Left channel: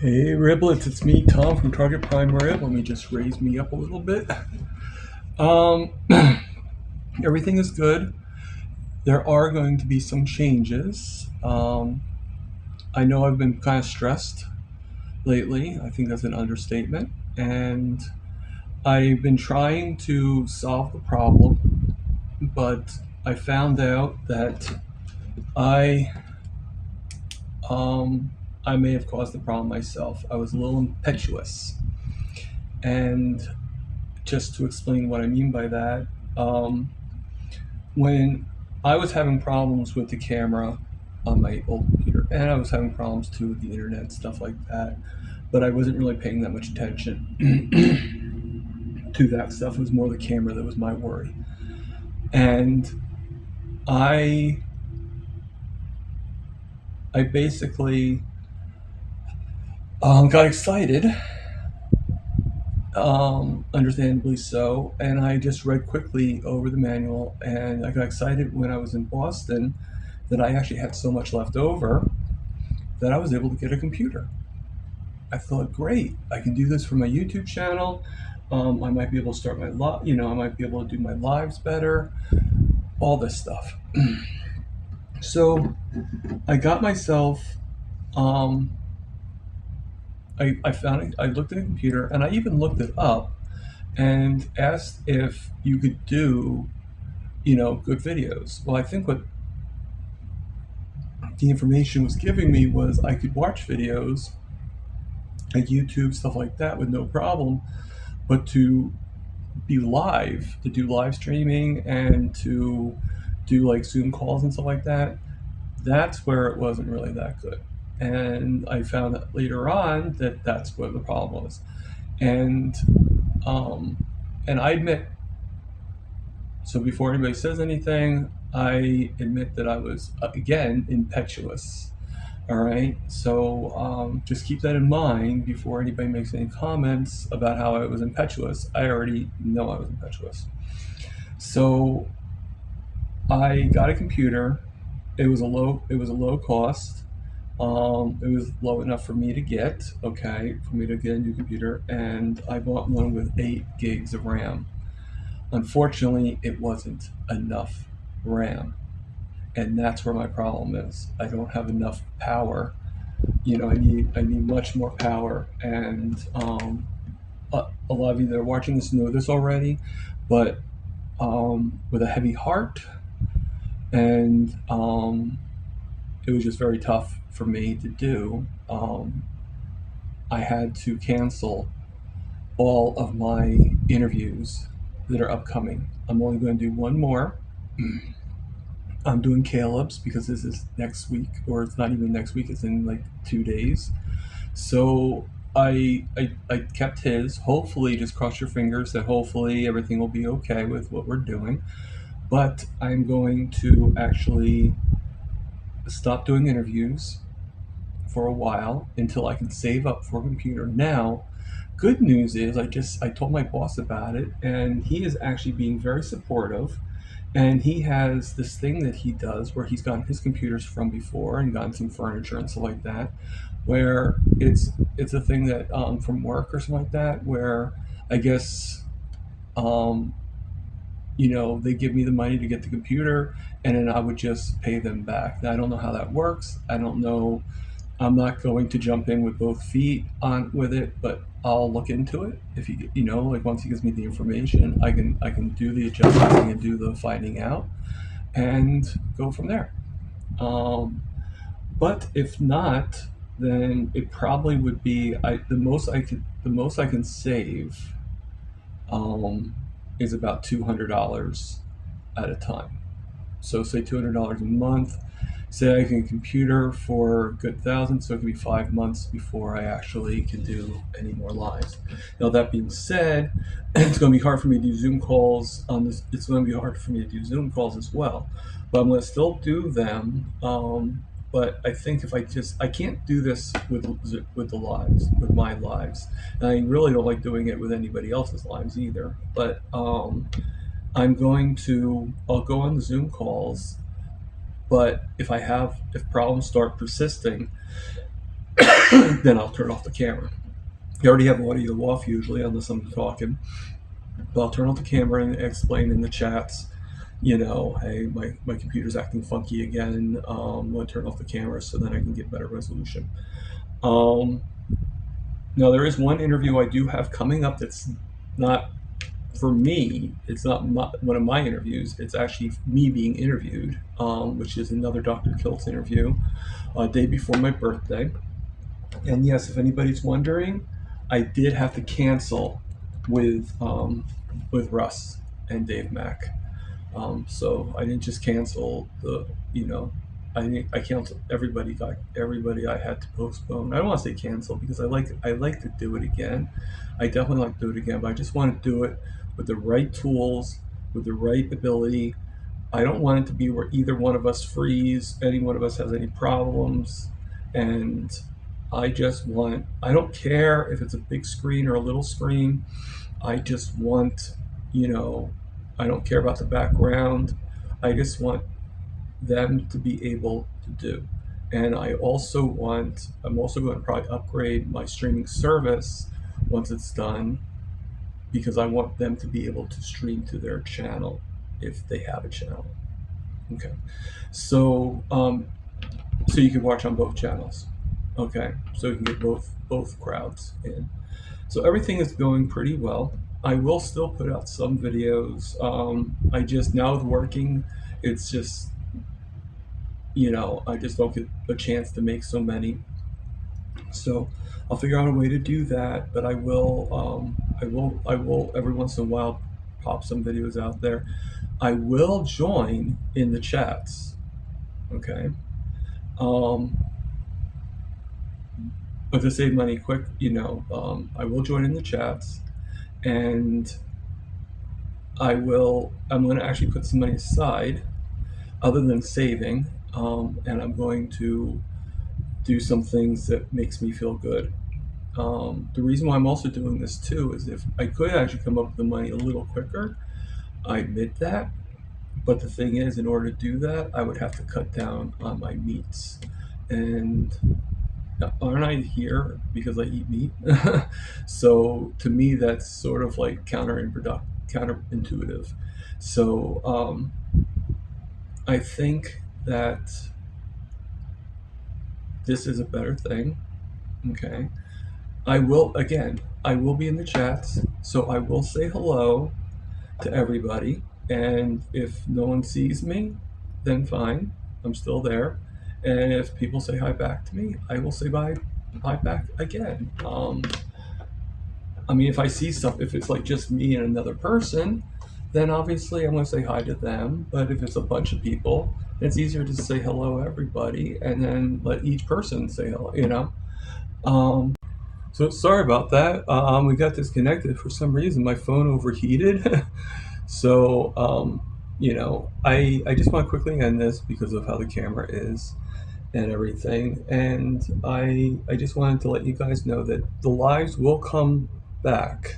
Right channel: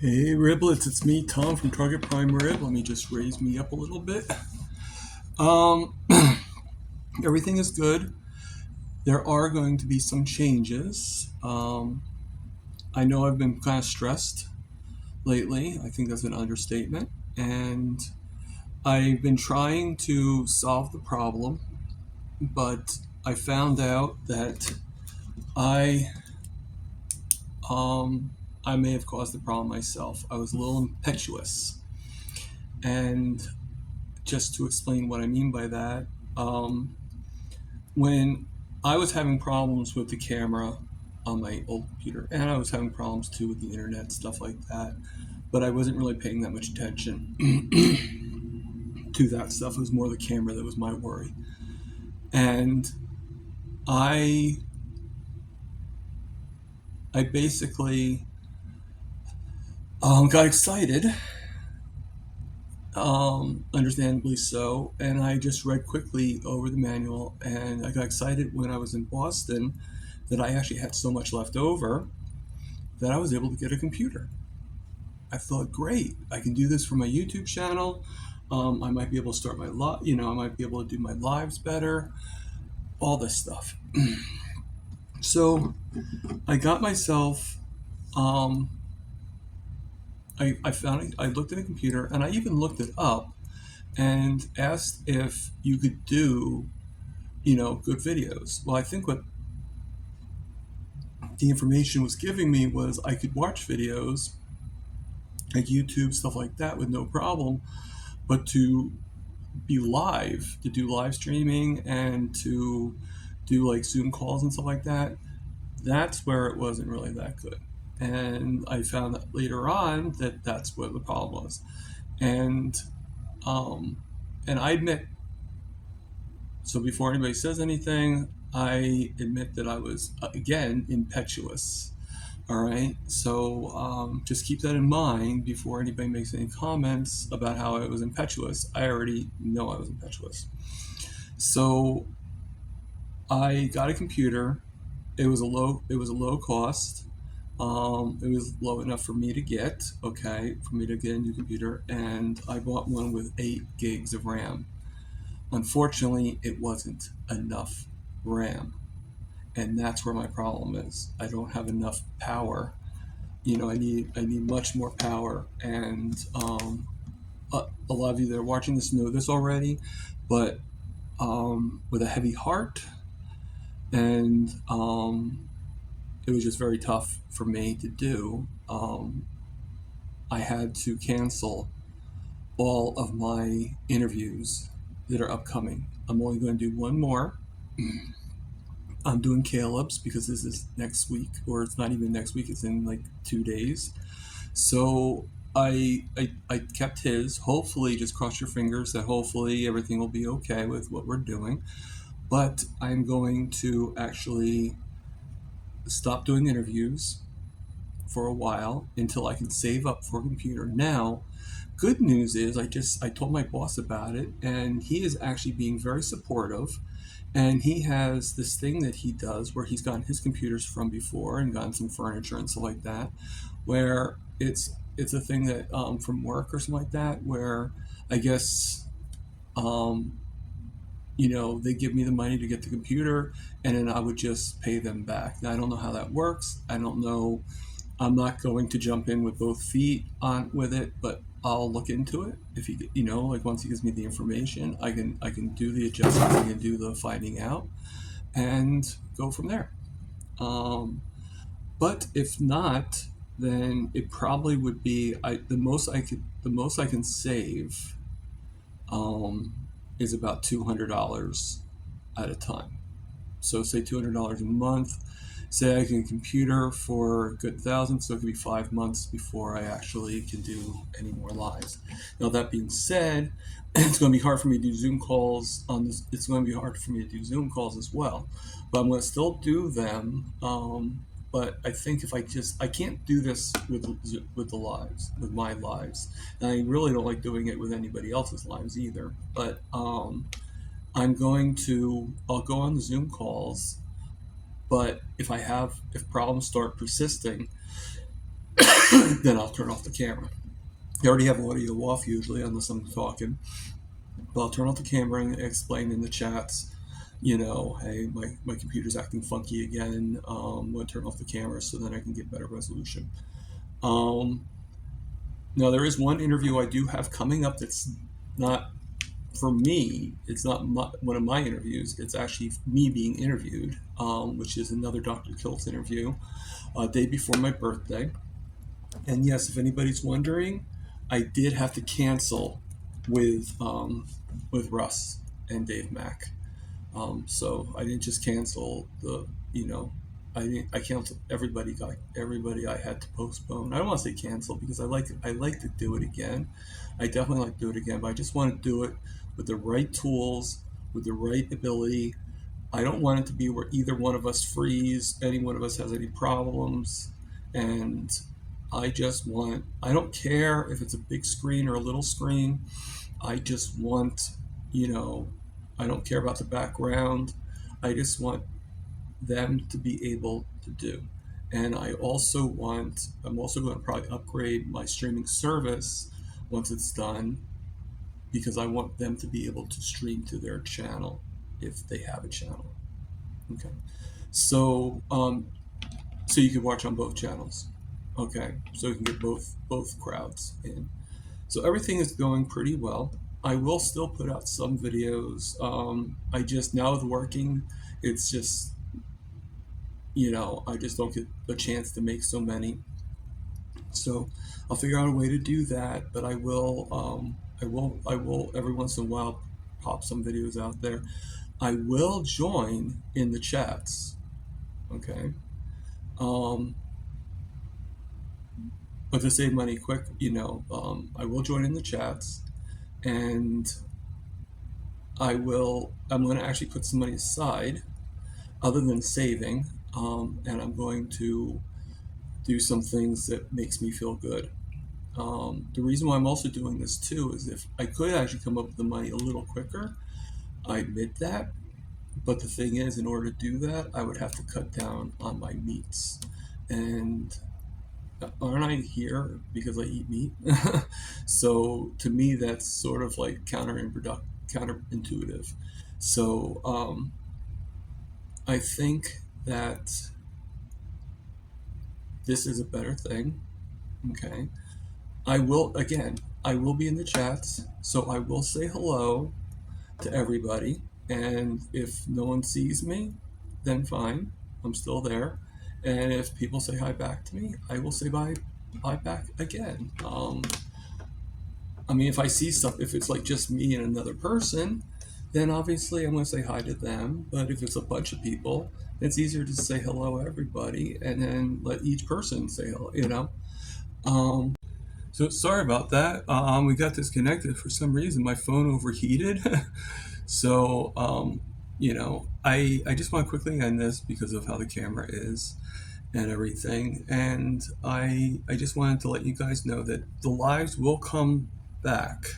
Hey Riblets, it's me, Tom from Target Prime Rib. Let me just raise me up a little bit. Um, Everything is good. There are going to be some changes. I know I've been kind of stressed lately. I think that's an understatement. And I've been trying to solve the problem, but I found out that I um, I may have caused the problem myself. I was a little impetuous, and just to explain what I mean by that, um, when I was having problems with the camera on my old computer, and I was having problems too with the internet, stuff like that, but I wasn't really paying that much attention to that stuff. It was more the camera that was my worry. And I I basically got excited, understandably so, and I just read quickly over the manual, and I got excited when I was in Boston that I actually had so much left over that I was able to get a computer. I thought, great, I can do this for my YouTube channel. I might be able to start my I might be able to do my lives better, all this stuff. So I got myself, um, I found it, I looked at a computer and I even looked it up and asked if you could do, good videos. Well, I think what the information was giving me was I could watch videos like YouTube, stuff like that with no problem, but to do live streaming and to do like Zoom calls and stuff like that, that's where it wasn't really that good. And I found that later on that that's where the problem was. And um, and I admit, so before anybody says anything, I admit that I was again impetuous. All right, so just keep that in mind before anybody makes any comments about how I was impetuous. I already know I was impetuous. So I got a computer. It was a low cost. It was low enough for me to get, okay, for me to get a new computer, and I bought one with 8 gigs of RAM. Unfortunately, it wasn't enough RAM, and that's where my problem is. I don't have enough power. I need much more power, and a lot of you that are watching this know this already, but with a heavy heart, and it was just very tough for me to do. I had to cancel all of my interviews that are upcoming. I'm only going to do one more. I'm doing Caleb's because this is next week, or it's not even next week, it's in like 2 days. So I kept his. Hopefully, just cross your fingers that hopefully everything will be okay with what we're doing. But I'm going to actually stop doing interviews for a while until I can save up for a computer. Now, good news is I told my boss about it, and he is actually being very supportive. And he has this thing that he does where he's gotten his computers from before and gotten some furniture and stuff like that, where it's a thing that from work or something like that, where I guess um, they give me the money to get the computer, and then I would just pay them back. Now, I don't know how that works. I don't know. I'm not going to jump in with both feet on with it, but I'll look into it. If like once he gives me the information, I can do the adjustments, I can do the finding out, and go from there. Um, but if not, then it probably would be the most I can save um, is about $200 at a time. So say $200 a month. Say I can computer for a good thousand, so it could be 5 months before I actually can do any more lives. Now that being said, it's going to be hard for me to do Zoom calls on this. It's going to be hard for me to do Zoom calls as well, but I'm going to still do them. But I think if I can't do this with the lives, with my lives, and I really don't like doing it with anybody else's lives either. But I'll go on the Zoom calls, but if problems start persisting, then I'll turn off the camera. You already have audio off usually, unless I'm talking. But I'll turn off the camera and explain in the chats, hey, my computer's acting funky again. I'm going to turn off the camera so then I can get better resolution. Um, Now, there is one interview I do have coming up that's not for me. It's not one of my interviews. It's actually me being interviewed, which is another Dr. Kilt's interview, day before my birthday. And yes, if anybody's wondering, I did have to cancel with Russ and Dave Mack. So I didn't just cancel I canceled everybody I had to postpone. I don't want to say cancel because I like to do it again. I definitely like to do it again, but I just want to do it with the right tools, with the right ability. I don't want it to be where either one of us freeze, any one of us has any problems, and I don't care if it's a big screen or a little screen. I just want, you know, I don't care about the background. I just want them to be able to do. And I'm also going to probably upgrade my streaming service once it's done because I want them to be able to stream to their channel if they have a channel. Okay. So, so you can watch on both channels. Okay. So you can get both crowds in. So everything is going pretty well. I will still put out some videos. I just now with working, it's just I just don't get a chance to make so many. So I'll figure out a way to do that. But I will every once in a while pop some videos out there. I will join in the chats. Okay. Um, but to save money quick, I will join in the chats and I'm going to actually put some money aside other than saving. And I'm going to do some things that makes me feel good. The reason why I'm also doing this too is if I could actually come up with the money a little quicker, I admit that. But the thing is, in order to do that, I would have to cut down on my meats. And aren't I here because I eat meat? So to me, that's sort of like counterintuitive. So I think that this is a better thing. Okay. I will be in the chats, so I will say hello to everybody. And if no one sees me, then fine, I'm still there. And if people say hi back to me, I will say hi back again. I mean, if it's like just me and another person, then obviously I'm going to say hi to them. But if it's a bunch of people, it's easier to say hello everybody and then let each person say hello. Um, so sorry about that. We got disconnected for some reason. My phone overheated. So, I just want to quickly end this because of how the camera is and everything. And I just wanted to let you guys know that the lives will come back.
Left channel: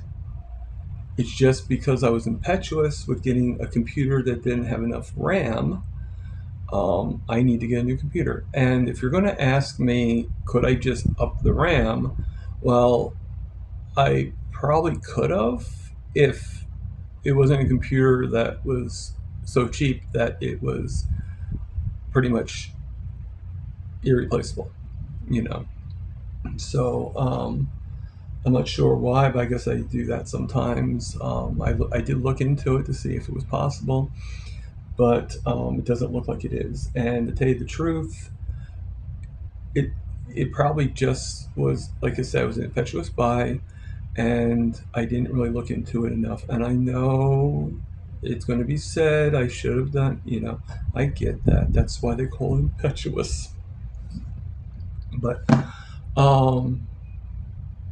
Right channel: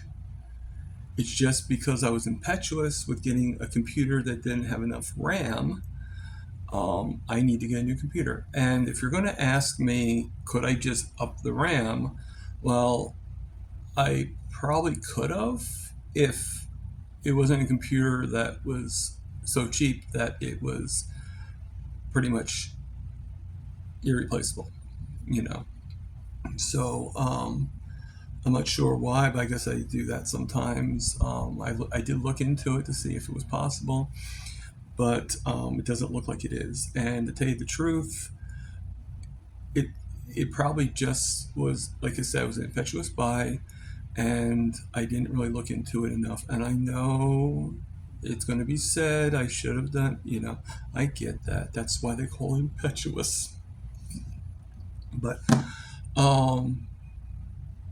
It's just because I was impetuous with getting a computer that didn't have enough RAM. I need to get a new computer. And if you're going to ask me, could I just up the RAM? Well, I probably could have if it wasn't a computer that was so cheap that it was pretty much irreplaceable, you know. So I'm not sure why, but I guess I do that sometimes. I did look into it to see if it was possible, but it doesn't look like it is. And to tell you the truth, it it probably just was, like I said, it was an impetuous buy, and I didn't really look into it enough. And I know it's going to be said I should have done, I get that. That's why they call it impetuous. But um,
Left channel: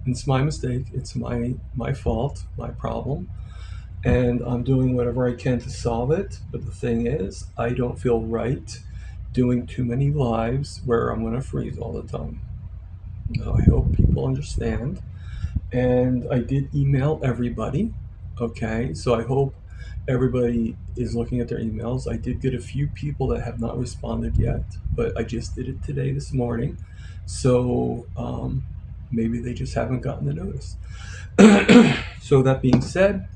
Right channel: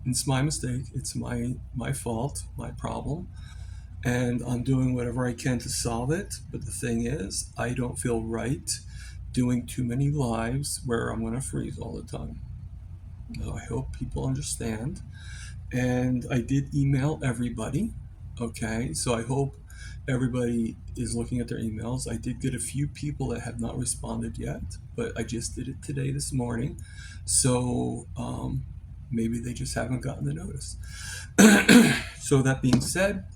it's my mistake. It's my fault, my problem, and I'm doing whatever I can to solve it. But the thing is, I don't feel right doing too many lives where I'm going to freeze all the time. I hope people understand. And I did email everybody. Okay, so I hope everybody is looking at their emails. I did get a few people that have not responded yet, but I just did it today, this morning. So maybe they just haven't gotten the notice. So that being said,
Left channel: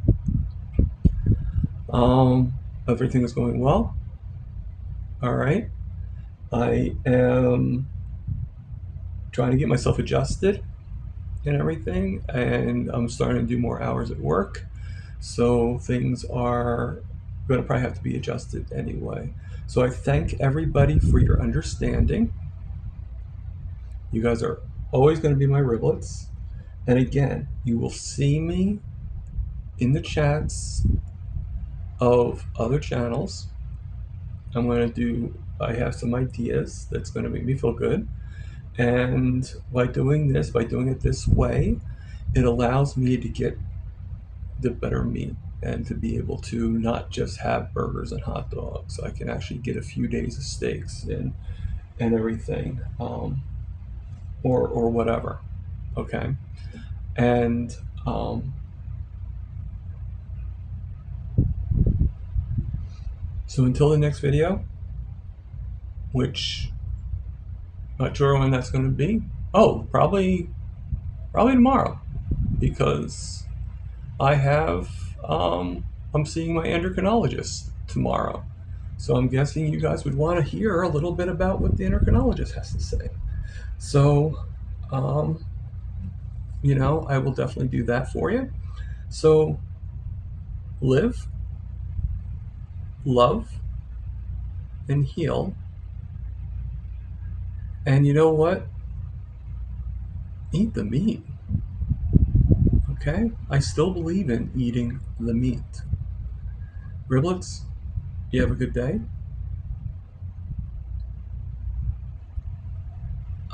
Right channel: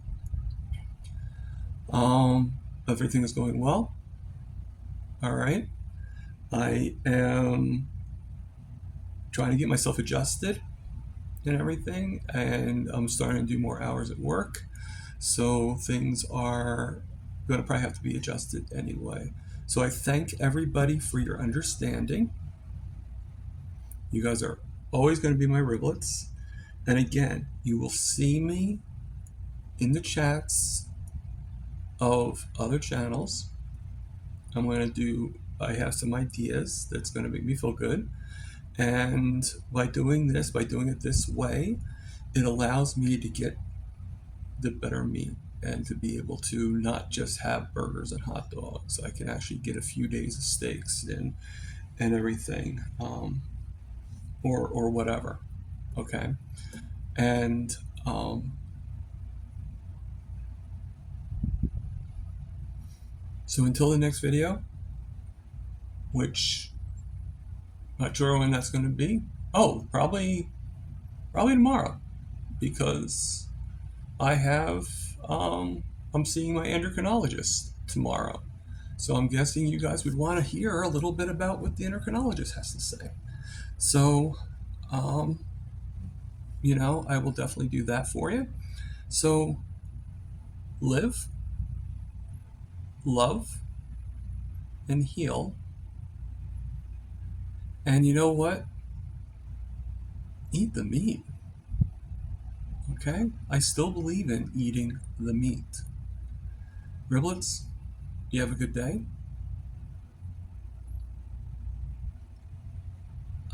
everything is going well. All right. I am trying to get myself adjusted and everything, and I'm starting to do more hours at work. So things are going to probably have to be adjusted anyway. So I thank everybody for your understanding. You guys are always going to be my riblets. And again, you will see me in the chats of other channels. I have some ideas that's going to make me feel good. And by doing it this way, it allows me to get the better meat and to be able to not just have burgers and hot dogs. I can actually get a few days of steaks and everything, or whatever. Okay, and so until the next video, which not sure when that's going to be. Oh, probably tomorrow, because I have I'm seeing my endocrinologist tomorrow. So I'm guessing you guys would want to hear a little bit about what the endocrinologist has to say. So, um, I will definitely do that for you. So, live, love, and heal. And you know what? Eat the meat. Okay? I still believe in eating the meat. Riblets, you have a good day.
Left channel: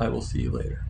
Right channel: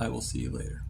I will see you later.